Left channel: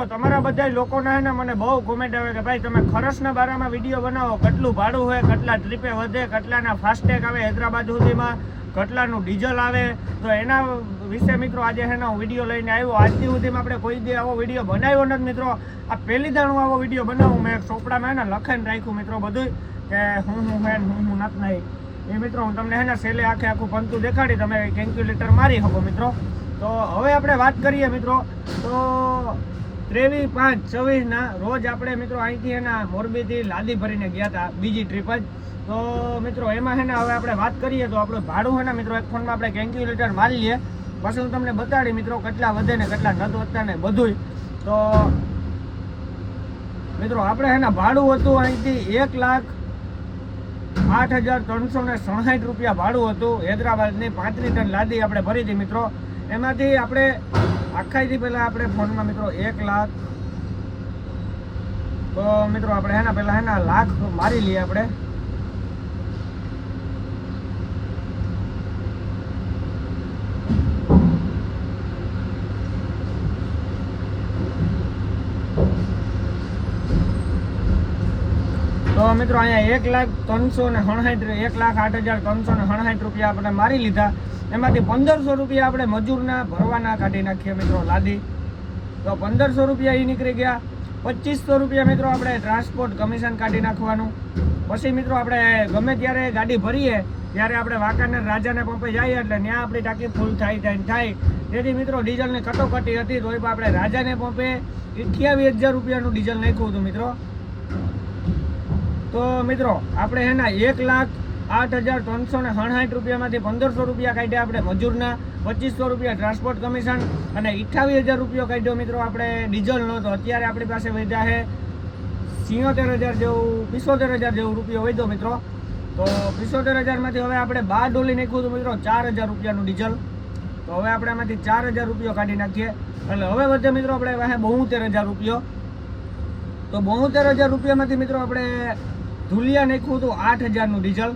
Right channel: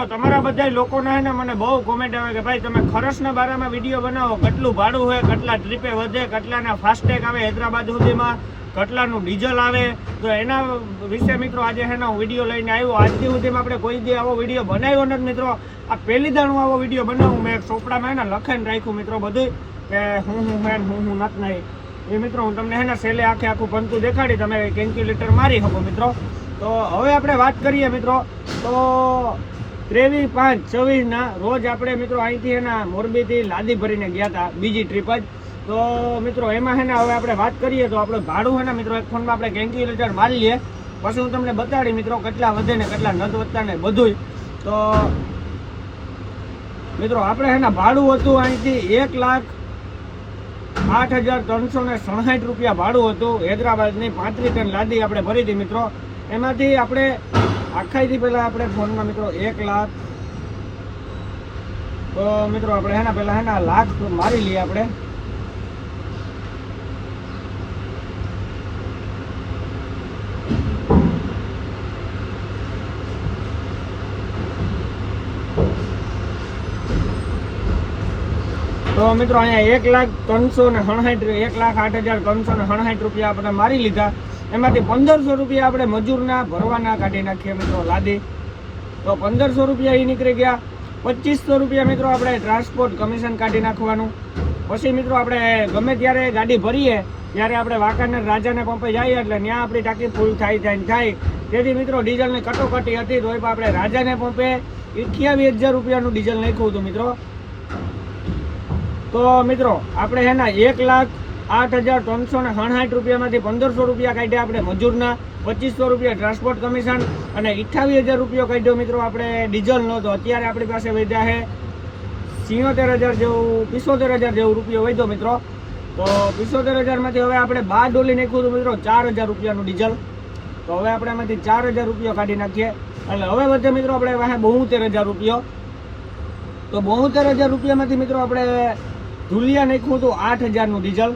મિત્રો તમારા બધા લોકોના હે ને મને બહુ કોમેન્ટ આવે કે ભાઈ તમે ખરસના બારામાં વિડીયો બનાવો, કેટલું ભાડું હોય, કેટલા ટ્રીપે વધે, કેટલાના ફાસ્ટેગ આવે હૈદરાબાદ સુધીમાં, કેટલાનું ડીઝલ આવે, તો એના વિશે મિત્રો આજે છે ને હું વિડીયો લઈને આવ્યો. આજથી સુધીમાં આપણે કોઈ દી આવો વિડીયો બનાવ્યો નથી મિત્રો. આ પહેલી દાણ હું આવો વિડીયો બનાવું. મેં એક ચોપડામાં હે ને લખીને રાખ્યું મિત્રો બધું કે હું હે ને હું નથી નહીં. એ મિત્રો હું તમને હે ને છેલ્લે આખું પંતું દેખાડી, તમે કેલ્ક્યુલેટર મારી શકો મિત્રો. તો હવે આપણે વાત કરીએ મિત્રો, તો 23/5/24 રોજ આપણે મિત્રો અહીંથી એના મોરબીથી લાદી ભરીને ગયા હતા, બીજી ટ્રીપ જ. તો મિત્રો એમાં છે ને હવે આપણે વાત કરીએ તો આપણે ભાડું છે ને મિત્રો એક ફોનમાં આપણે કેલ્ક્યુલેટર મારી લઈએ, પછી હું તમને બતાડી મિત્રો કેટલા વધે ને કેટલા નથી વધતા ને બધું. તો મિત્રો આપણે છે ને ભાડું હતું અહીંથી 1,08,367 રૂપિયા ભાડું હતું. હૈદરાબાદની 35 ટન લાદી આપણે ભરી હતી મિત્રો. એમાંથી આપણે આખાઈથી પહેલાં આપણે ફોનમાં મિત્રો 1 લાખ, તો મિત્રો આપણે હેના પહેલાં હેના લાખ તો મારી લઈએ આપણે. તો મિત્રો અહીંયા 1,08,367 રૂપિયા આપણે મારી લીધા. એમાંથી 1500 રૂપિયા આપણે મજૂરના ભરવાના કાઢી નાખીએ મિત્રો લાદી, તો 1500 રૂપિયા એ નીકળી ગયા. 2500 રૂપિયા મિત્રો આપણે ટ્રાન્સપોર્ટ કમિશન કાઢી નાખવાનું. પછી મિત્રો આપણે ગમે ત્યારે ગાડી ભરીએ ત્યારે આપણે વાંકાનેર રાજાને પંપે જઈએ એટલે ત્યાં આપણી ટાંકી ફૂલ થાય. તેથી મિત્રો ડીઝલની કટોકટી હતી, તો આપણે રાજાને પંપે 28,000 રૂપિયાનું ડીઝલ નાખ્યું હતું મિત્રો. તો મિત્રો આપણે એના 1,08,367 રૂપિયામાંથી 1500 રૂપિયા કાઢ્યા આપણે મજૂરના, 2500 રૂપિયા ટ્રાન્સપોર્ટ કમિશન અને 28,000 રૂપિયા કાઢ્યો મિત્રો આપણે ડીઝલનો. તો અત્યારે આપણી પાસે વધ્યા છે 77,000 જેવું, 75,000 જેવું રૂપિયો વધ્યો મિત્રો. તો 75,000માંથી હવે આપણે 12 ડોલી નાખ્યું હતું મિત્રો 4,000 રૂપિયાનું ડીઝલ. તો હવે આપણે એમાંથી 4,000 રૂપિયા કાઢી નાખીએ એટલે હવે વધે મિત્રો આપણે વાહે 72,000 રૂપિયો. તો 72,000 રૂપિયામાંથી મિત્રો આપણે ધુલિયા નાખ્યું હતું 8,000નું ડીઝલ.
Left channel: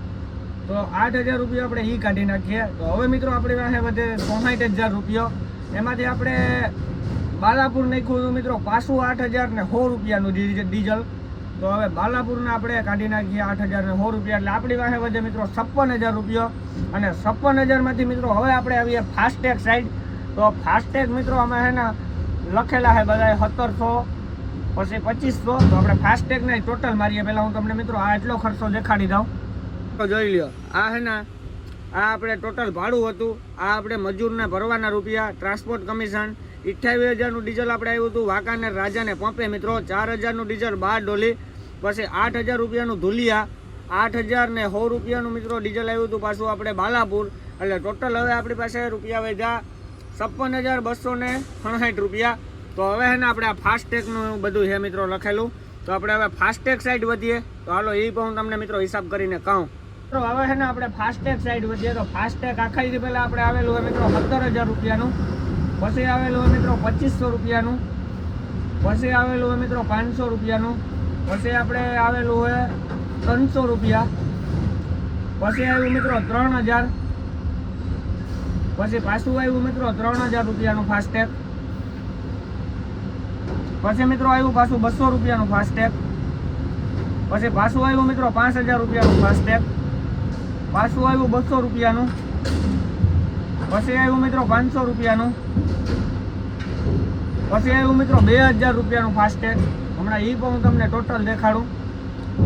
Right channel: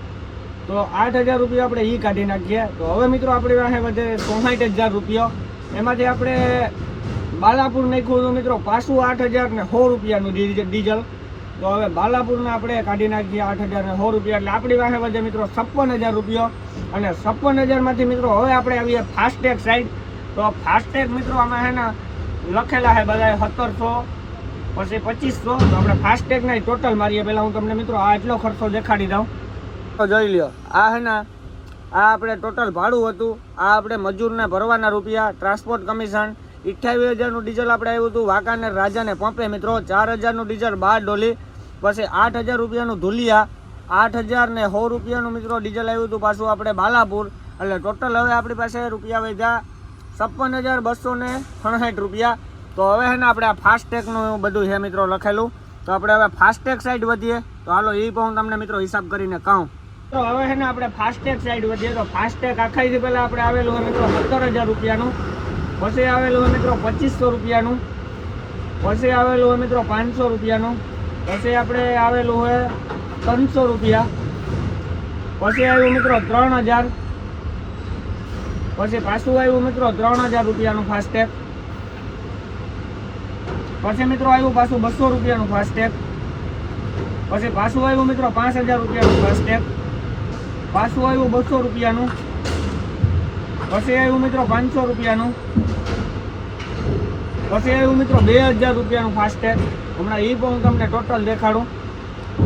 તો 8,000 રૂપિયા આપણે એ કાઢી નાખીએ. તો હવે મિત્રો આપણી પાસે વધે 64,000 રૂપિયો. એમાંથી આપણે બાલાપુર નાખ્યું હતું મિત્રો પાછું 8,0100 રૂપિયાનું ડીઝલ. તો હવે બાલાપુરને આપણે કાઢી નાખીએ 8,0100 રૂપિયા, એટલે આપણી પાસે વધે મિત્રો 56,000 રૂપિયો. અને 56,000માંથી મિત્રો હવે આપણે આવીએ ફાસ્ટેગ સાઈડ. તો ફાસ્ટેગ મિત્રો આમાં છે ને લખેલા છે બધા 1700 પછી 2500. તો આપણે ફાસ્ટેગના ટોટલ મારીએ. પહેલાં હું તમને મિત્રો આ એટલો ખર્ચો દેખાડી દઉં. તો જોઈ લ્યો, આ છે ને આ આપણે ટોટલ ભાડું હતું, આ આપણે મજૂરના ભરવાના રૂપિયા, ટ્રાન્સપોર્ટ કમિશન 28,000નું ડીઝલ આપણે આવ્યું હતું વાંકાનેર રાજાને પંપે મિત્રો, 4,000નું ડીઝલ 12 ડોલી, પછી 8,000 રૂપિયાનું ધુલિયા, 8,0100 રૂપિયાનું મિત્રો ડીઝલ આવ્યું હતું પાછું આપણે બાલાપુર. એટલે ટોટલ હવે આપણી પાસે રૂપિયા વધ્યા 56,269 રૂપિયા. તો હવે છે ને આપણે આ ફાસ્ટેગનું બધું છે મિત્રો લખેલું. તો આપણે હવે ફાસ્ટેગ સાઈડ વધીએ. તો હાલો એ પણ હું તમને મિત્રો હિસાબ કરીને કહું. તો હવે છે ને આપણે ફાસ્ટેગ સાઈડ વધીએ. તો ફાસ્ટેગ આખાઈથી પહેલાં આપણે આવેલું હોય મિત્રો 17,000 રૂપિયાનું, પછી આવેલું હોય મિત્રો 2500 રૂપિયાનું, પછી આવેલું હોય મિત્રો 500 રૂપિયાનું, પછી આપણે આવેલું હોય 300 રૂપિયા, પછી આવ્યું મિત્રો 3,000, પછી પાછું આવ્યું મિત્રો 3,000 રૂપિયાનું ફાસ્ટેગ, પછી મિત્રો આવ્યું પાછું 200 રૂપિયાનું ફાસ્ટેગ, પછી પાછું આવ્યું મિત્રો 5,000 રૂપિયાનું ફાસ્ટેગ, પાછું આવ્યું 200 રૂપિયાનું, પછી આવ્યું મિત્રો 500 રૂપિયાનું, પછી આવ્યું મિત્રો 2,000 રૂપિયાનું ફાસ્ટેગ. હમણાં એ પણ હું તમને ટોટલ દેખાડું.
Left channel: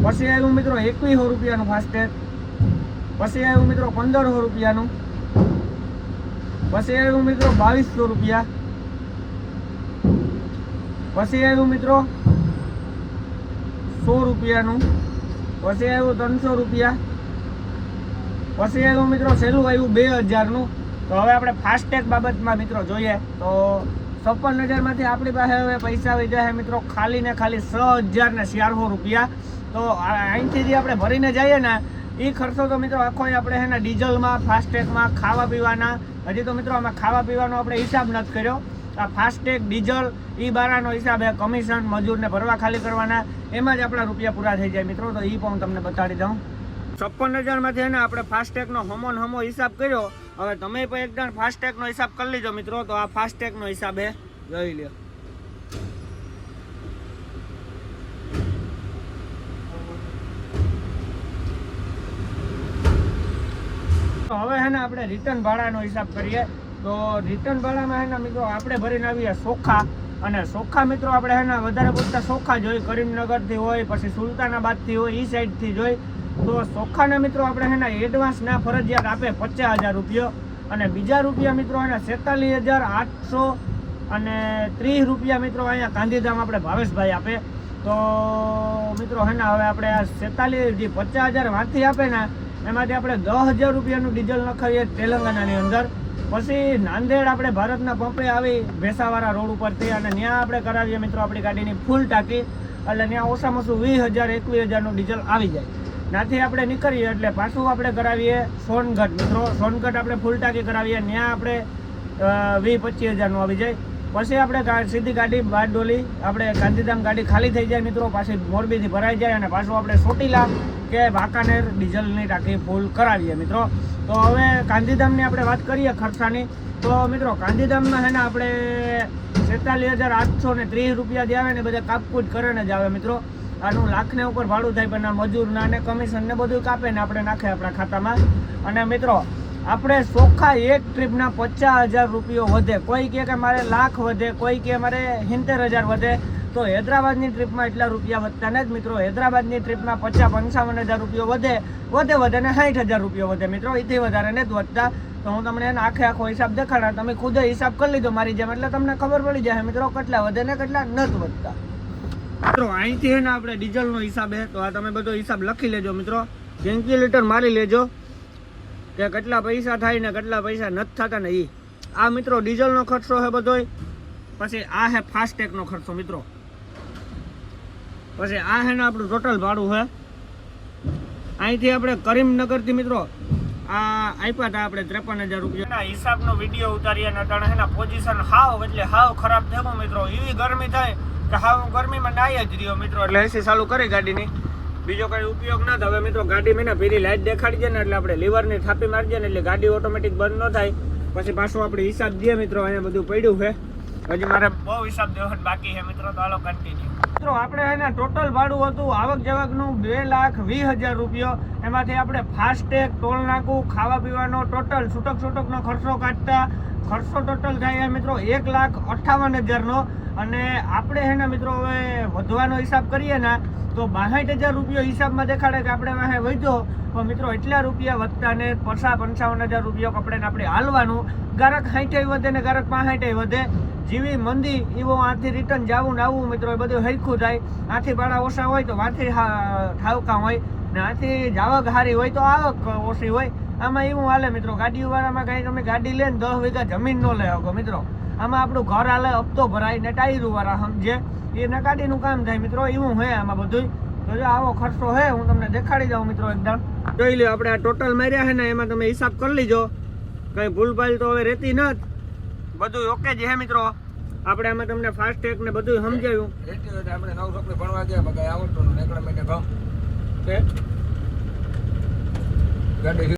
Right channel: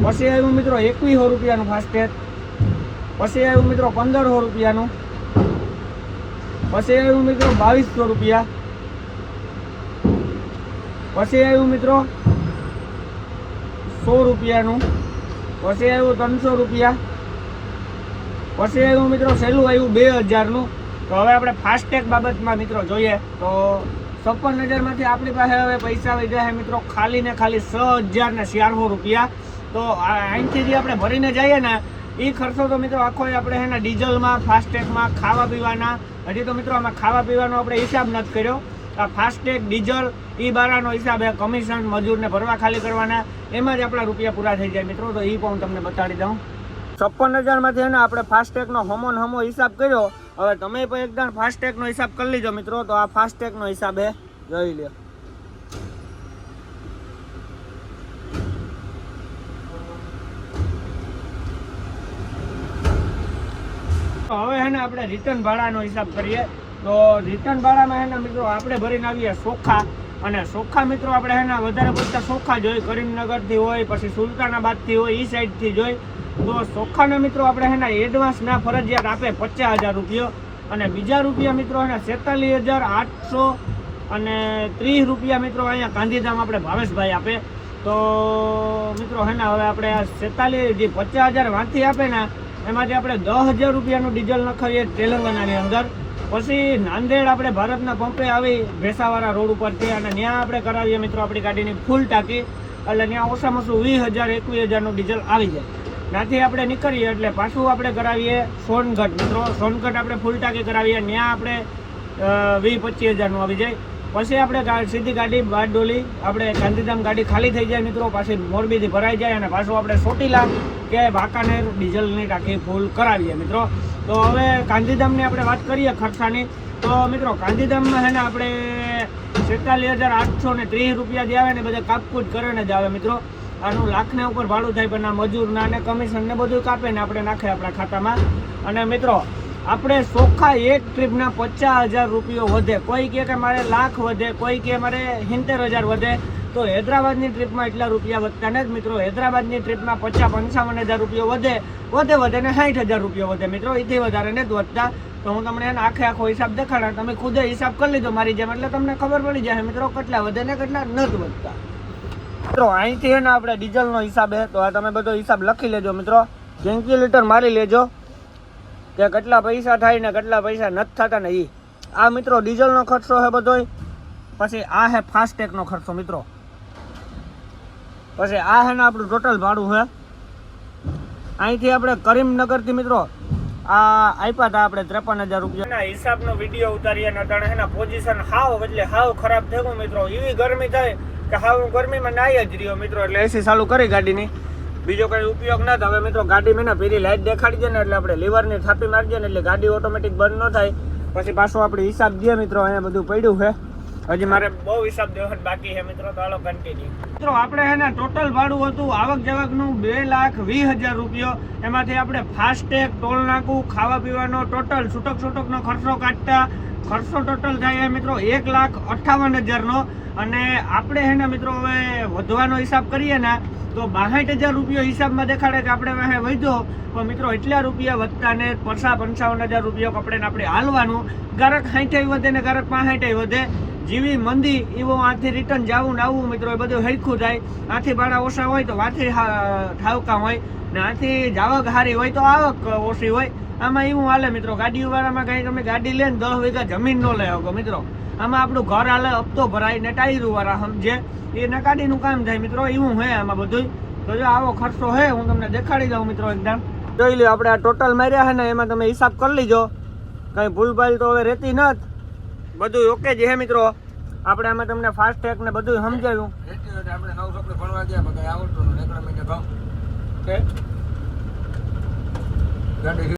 પછી આવ્યું મિત્રો 2,100 રૂપિયાનું ફાસ્ટેગ, પછી આવ્યું મિત્રો 1,500 રૂપિયાનું, પછી આવ્યું મિત્રો 2,200 રૂપિયા, પછી આવ્યું મિત્રો 100 રૂપિયાનું, પછી આવ્યું 300 રૂપિયા, પછી આવ્યું મિત્રો છેલ્લું આવ્યું 2,000નું. તો હવે આપણે ફાસ્ટેગ બાબતમાં મિત્રો જોઈએ તો 56,000માંથી આપણી પાસે હવે પૈસા વધ્યા છે મિત્રો ખાલી ને ખાલી 6,400 રૂપિયા. તો અહીંથી જે આપણે ભરીને જઈએ ને એ ખર્ચો તો મિત્રો આખો આપણે એના ડીઝલમાં, ફાસ્ટેગમાં, ખાવા પીવાના, હજી તો મિત્રો આમાં ખાવા પીવાનો આપણે હિસાબ નથી કર્યો. ફાસ્ટેગ, ડીઝલ એ બારાનો હિસાબ છે, કમિશન, મજૂરને ભરવા ખાલી કરવાના, એમાં જ આપણા રૂપિયા પૂરા થઈ જાય મિત્રો. તો એ પણ હું તમને બતાડી દઉં. 56,000માંથી છે ને આપણે ફાસ્ટેગનો હમો હિસાબ કર્યો. હવે તમે પણ એકદમ ફાસ્ટેગનો હિસાબ કરી લીધો મિત્રો. તો આ ફાસ્ટેગનો હિસાબ છે, જોઈ લ્યો. હે ને આપણે રિટર્ન ભાડાનો હિસાબ કરીએ તો રિટર્ન ભાડામાં હે ને મિત્રો આપણે ભરીને આવીએ સોખા, અને સોખા મિત્રો આપણે હે ને વધારે પડતા સોખા જોઈએ, કરીમનગરથી હોય પછી સુલતાનાબાદથી હોય એ સાઈડથી જોઈ, તો સોખાના મિત્રો આપણે હે ને એડવાન્સ ના ફરજિયાત આપે 50,000 રૂપિયા, અને બીજા રૂપિયા મિત્રો હે ને 47,830 અને 30 રૂપિયા મિત્રો અહીંયા ગાંધીધામ આપણે ભાવેશભાઈ આપે. તો મિત્રો હે ને હવે આપણે આ 50,000 વાંથી આપે ને એમાંથી આપણે 10,000 રૂપિયાનું ડીઝલ નખાવીએ તેલંગાણાની અંદર. પછી નાંદેડ આપણે ભારતના પંપે આવી ભેસાવાળા રોડ ઉપરથી, અને ત્યાં આપણે કરાવીએ મિત્રો આપણી ગાડીની ફૂલ ટાંકી, એટલે ત્યાં ઓછામાં ઓછું 20,000-21,000નું ડીઝલ આવી જાય. ત્યાંથી આપણે નીકળીએ એટલે પાછું આપણે કરાવીએ સોનગઢ મિત્રો, સોનગઢ આપણે ફૂલ ટાંકી કરાવીએ, ત્યાં આપણે 20-25,000નું આવી જાય. પછી આપણે સીધી ગાડી બારડોલી આપણે ગાંધીધામ ગાડી ખાલી થઈ જાય મિત્રો, પાછી મોરબીથી ભરાઈ જાય, અને પાછું આપણે ચોટીલા કે વાંકાનેર ડીઝલની ટાંકી ફૂલ કરાવીએ મિત્રો. તો હવે ગાંધીધામની આપણે વાત કરીએ ખર્ચાની, તો મિત્રો ગાંધીધામમાં છે ને આપણે 47,830 રૂપિયા જે આવે ને બધા કાપકૂટ કરીને જ આવે મિત્રો. આનું લાખને ઉપર ભાડું થાય, પણ આ મજૂરના ને કમિશન ને બધું કાપે ને આપણે નાખે આપણા ખાતામાં. અને મિત્રો આપણે ચોખ્ખા એક ટ્રીપના 50,000 રૂપિયો વધે, કોઈ કહે કે મારે લાખ વધે, કોઈ કહે મારે 70,000 વધે, તો હૈદરાબાદની ટ્રીપમાં એટલા રૂપિયા વધતા નથી મિત્રો. હૈદરાબાદની ટ્રીપમાં 50-55,000 રૂપિયો વધે ને 60,000 રૂપિયો વધે મિત્રો, એથી વધારે નથી વધતા. તો હું તમને એને આખો હિસાબ દેખાડા, તમે ખુદે હિસાબ કરી લીધો મારી જેમ, એટલે તમને ખબર પડી જાય મિત્રો કેટલા વધે ને કેટલા નથી વધતા. મિત્રો અહીંથી હે ને આપણે ડીઝલનો હિસાબ હે, તો આ તમે બધો હિસાબ લખી લેજો મિત્રો, કેલ્ક્યુલેટર મારી લેજો કે કેટલા પૈસા થાય ને કેટલા પૈસા નથી થતા ને એ. આ મિત્રો ડીઝલનો ખર્ચો છે બધો. પછી આ હે ફાસ્ટેગનો ખર્ચો મિત્રો. પછી આ હે ને આપણું ટોટલ ભાડું છે. અહીંથી આપણે કરીમનગરથી મિત્રો આ આપ્યા હતા આપણે 53,000 રૂપિયા હિસાબનો વિડીયો ઉતારીએ, અને અટાણે એના પોઝિશન હાવ એટલે હાવ ખરાબ થઈ ગયું મિત્રો. એવી ગરમી થાય કે હાવ ગરમીમાં નાઈ જ રહ્યો મિત્રો, એટલે એસી ચાલુ કરી ગાડીની, બીજો કઈ ઉપયોગ ના થાય. હવે મિત્રો ગાડી મેં પીરી લાઈટ દેખાડી છે ને એટલે આપણે લીવરની થાપી મારી દઈએ ને એટલે ગાડી ઓટોમેટિક બંધ ન થાય. પછી પાછું આપણે હિસાબ દઈએ મિત્રો, અહીંયા બધું પડ્યું છે, હજી મારે બહુ હિસાબ દેવો બાકી છે મિત્રો. તો હાલો કન્ટિન્યુ મિત્રો. આપણે હે ને ટોટલ ભાડું હતું આવક જાવકનું 2,20,000 રૂપિયો, એમાંથી આપણે ફાસ્ટેગ, ટોલ નાકું, ખાવા પીવાનો ટોટલ છૂટકનો ખર્ચો કાઢતા ખર્ચો ટોટલ થાય મિત્રો 1,58,000 અને આપણે હે ને મિત્રો હવે વધવાનો હિસાબ કરીએ ને તો 62,000 રૂપિયો હિસાબમાં દેખાડે કે આપણે વાહે વધ્યો, પણ મિત્રો એટલા રૂપિયા વધતા ને 55,000 રૂપિયો કપડે આપણે હાલવાનું. ગારક 60 વધે ને ગારક 65 વધે, જેવી મંદી એવો આથી રિટર્ન જવું ને આવવું મિત્રો, એ બધું હરખું થાય. આથી ભાડા ઓછા હોય તો આથી ઠાવકા હોય ને, આથી જાવક હારી હોય તો આવક ઓછી હોય. આમાં એવું હાલે મિત્રો. ગાડીવાળામાં કઈ તમે ગાડી લે ને 10 વીઘા જમીન ન લે શકો મિત્રો, આમાં આપણું ઘર હાલે, હપ્તો ભરાય ને ટાયરું વાળા સમજે એ નકાડીનું કામ થાય મિત્રો, એવું હોય આમાં બધું. તો જો આવો ખર્ચો હે, હું તમને દેખાડી દઉં મિત્રો. એકદમ જોઈ લો આપણે આ ટોટલ માર્યા છે ને, એમાં તમે હિસાબ કરી લીજો, કઈ ભૂલભાલ તો હવે રહેતી નથી, બધું ઓકે જ હે મિત્રો. આપણે આમાં તમને ફાસ્ટેગ ને બધું સમજાવ્યું. આપણે નવ ચોપડે ભણવા ગયા બધા આવડતું, એકલા મહિને ભાવ